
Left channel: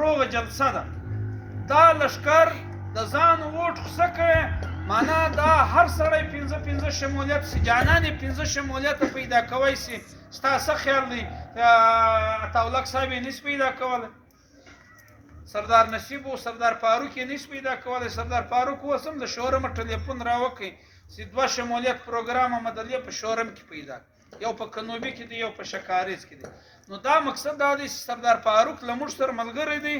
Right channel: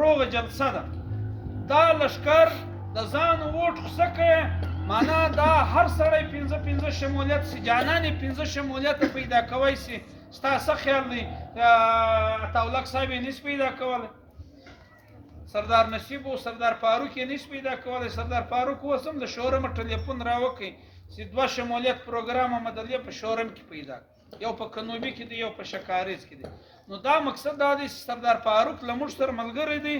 روغه جلسه ده دا لښکر د ځان ووټ خوسه کوي معنا دا هر سړی پنځه شمولیت سي جانان یې پنځه شمولیت پیدا کوی سي ستا څه خیال دی عطاالله صاحب یې نس پیدا کولی سردار نصیب او سردار فاروق یې نس پیدا کولی سردار فاروق اوس هم د شورم ټلیفون راوکړي چې 2 شمولیت پروګرام عملیه په شورم کې پیدا یو په کنوبي کې دی یو په شکاریز کې دی نو دا مقصد دا دی سردار فاروق له موږ سره ملګری دی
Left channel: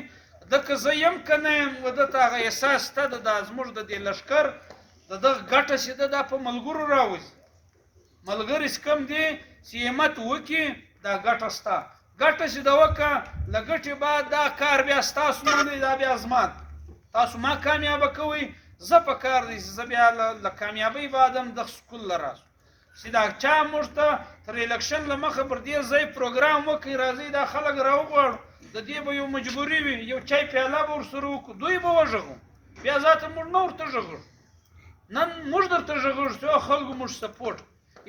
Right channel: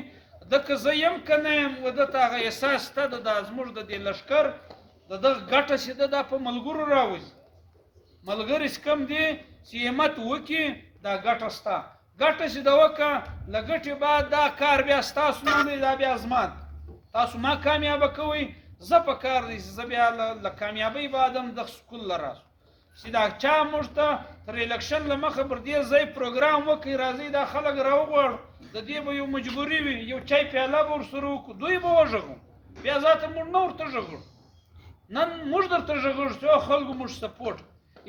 دکه زه یم که نه یم و دته هغه احساس شته د دا زموږ د دې لښکر د دغه ګټه چې ده دا په ملګرو راوځي ملګري چې کوم دی چې همت وکړي دا ګټه شته ګټه چې ده وکړه له ګټې بعد دا کار بیا ستاسو نه دی دا بیا زما تاسو ما کامیابه کوئ زه په کار دی چې زه بیا له کامیابۍ بعد هم دغه سکول له راسو چې دا چا موږ ته تر الیکشن له مخه پر دې ځای پروګرام وکړي راځئ دا خلک راوغواړو د دې به یو مجبوري وي یو چای پیاله به ورسره وکړو دوی به وغږو بیا ذاته موږ نه ورته غږو نن موږ درته غږو چې خلکو موږ سپورټ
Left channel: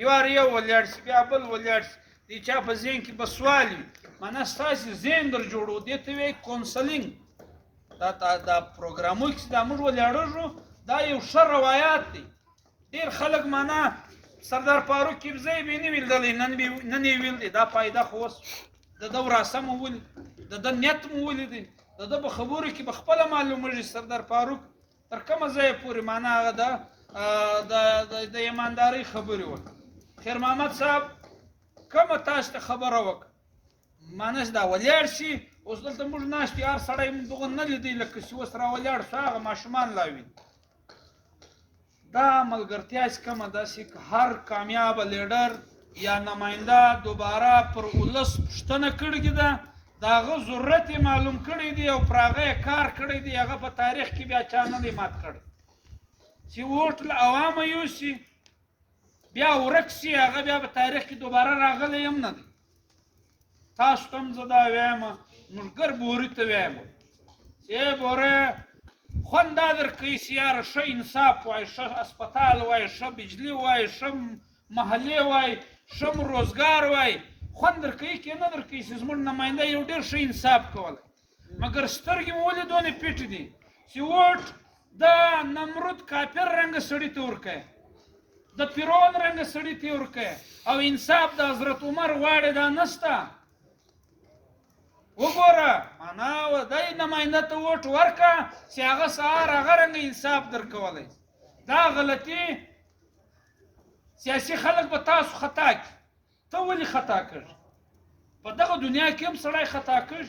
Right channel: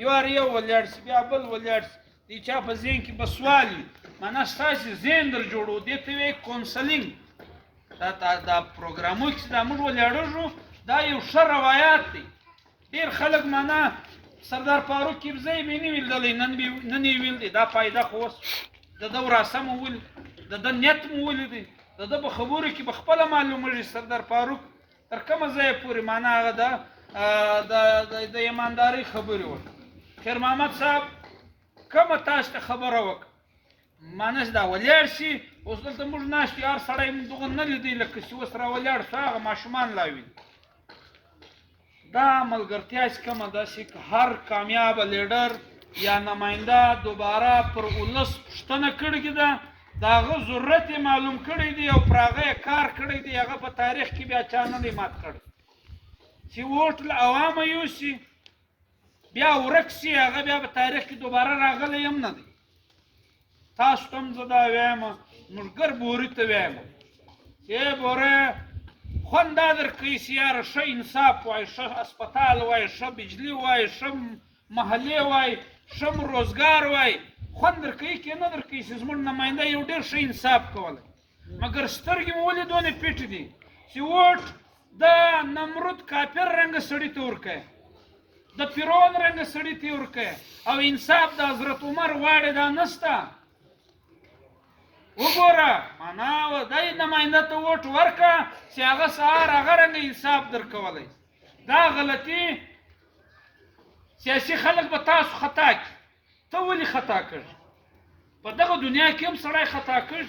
یو یو ولاړ شي بیا بل ولاړ شي د چا په ذهن کې به سوال وي معنا ستاسې ذهن در جوړو دې ته وایي کونسلینګ دا پروګرامونه چې دا موږ ولاړېږو دا یو ښه روایات دی ډېر خلک معنا سردار فاروق کیبزی به نه ویلدلی نن یې ویل دی دا فایده خو اوس د ده وراسه مو ولید د ده نیت مو ولیدی د ده په خبرو کې به خپله معلومېږي سردار فاروق تر کومه ځایه پورې معنا هغه د ایماندارۍ خبرې وکړه خیر محمد صاحب کومه تاسو ته خبره وکړه معنا چې دا ولاړ شي اوس دلته موږ ناست یو هر سړی دغه نه لیدی لکه چې اوس را ولاړ شو هغه ماشومان لا ویني دا ملګرتیا چې کومه ده چې هر کامیاب لیډر یا نماینده دوباره پر ولس پوښتنه کړې ده د هغه ضرورت یې معلوم کړی دی او پر هغه یې کار کړی دی هغه په تاریخ کې بیا چا نه دی مات کړی چې ووټ له عوامه یوسي بیا ورک سي هغه بیا په تاریخ کې دوباره راغلی هم نه دی تاسو ته هم زه دا وایم ملګر بوري ته وایم چې بوره خوند دا درکوي چې یاره ښه انصاف وای ښه اسپتال وای ښه بجلي وای ښه محلې وای ښه روزګار وای خوند درکوي که نه درکوي چې زموږ نماینده یو ډېر ښه انصاف کولی مګر سترګې مو ولې دونې پټې دي چې ووټ د نمرود کافر رنګه سړي ته ورکوي د فرعون رنګه سړي ته ورکوې او انصاف د حضرت عمر غواړې دا نسته وګوره معنا دی نماینده ته ووټ ورکړه چې هغه سهار هغه رنګه انصاف درکولی دا غلطي سیاسي خلک به تاسو خطا کړي ته ولې خطا کړ په دغه دنیا کې هم سړی خطا کړ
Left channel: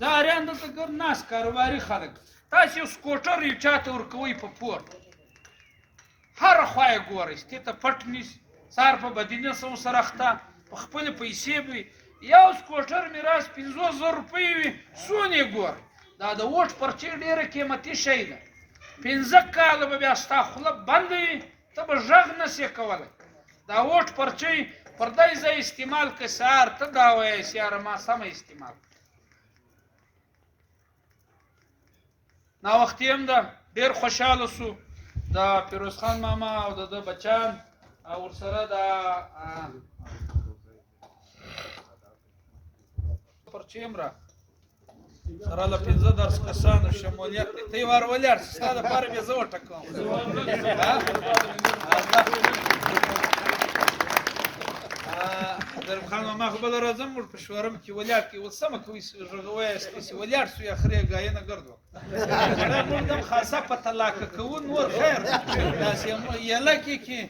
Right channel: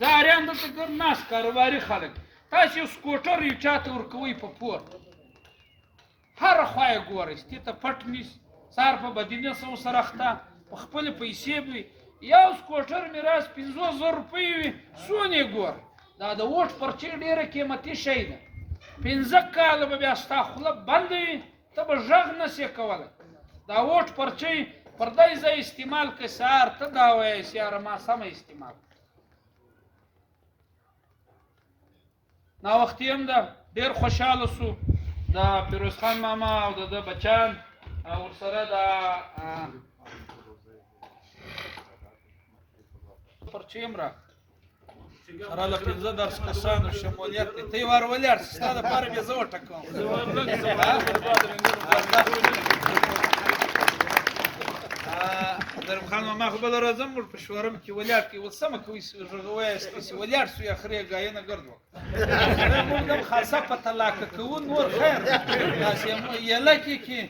دا اریان دلته ګر ناست کاروباري خلک تاسو یو سکوټر یو چا ته ورکوئ په پور هره خوا یې ګورئ ستې ته پټ نیسي سهار په بدینه سه ورسره اخته په خپلې پیسې به وي یو سکوټر میراث 500,000 روپۍ وي څونه یې ګورئ دا د ووټ پرچې ډېره قیمتي شی ده 15 کاله به بیا ستا خوله بنده وي ته به غږ نسې کولی دا ووټ پرچۍ پر دې ځای استعمال کړه سهار ته دا وایې چې یاره ما سمه استعمال ناوختي هم ده ډېر خوشحاله سو د فیروز خان ماما او د ده بچیان ورسره د پرچې هم را سره له 15 درس کسانو شمولیت دی ته یې وار ولاړ چې ستا دپاره بیا زه وټکوم درب خان ماما خو بله راځم ور په شورم کې ولاړ کړي اوس سمه کوي غوایاستې چې ولاړ سو یا خرې ګاینه ګرد وکړه موږ دم خاصه په طلاقه کوو نور خیر داسې یلکې کې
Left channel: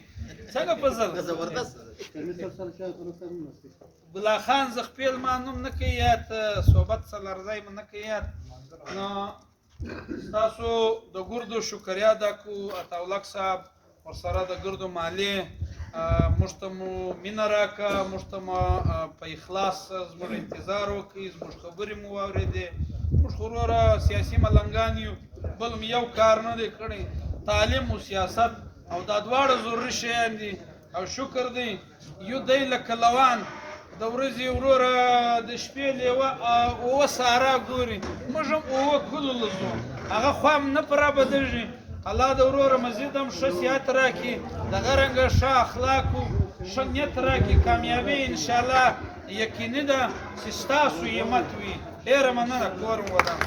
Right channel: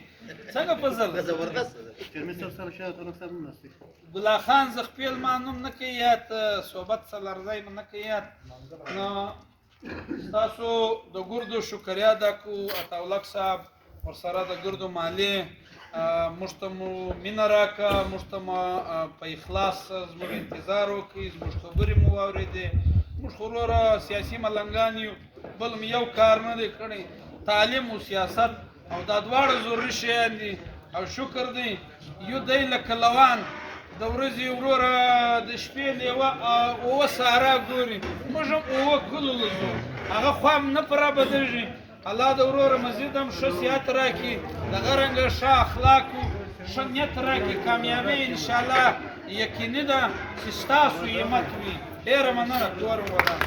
څنګه په زل ګلا خان زخپیل ما نوم نه کوي یاد صحبت سلرځای م نه کوي یاد نو تاسو د ګردو شکریا ادا کوو عطاالک صاحب ورسره د ګردو مالیې موږ ته مو مینه راکړه موږ ته مو په اخلاص زموږ انتظار وکړئ زموږ خبرې مو واورېدې موږ خو وروره سیاسي ملنګان یو بل م یو کار نه دی کړی تعلیم او سیاست او دا دواړه ضروري شیان دي او شکر دی یو دی لکه لوان د ورځې وروره د شپې لیوه اوه ساره ګوري موږ هم اوه کلو له ځو هغه خوا هم نه په رابدېږي الله د وروره مزید هم ښه صحت راکړي دغه رنګه ښه اخلاقو ښه نیت راکړي کامیابي انشاءالله یقیني ده چې ستاسو همت وي ډېره مننه کور م ودان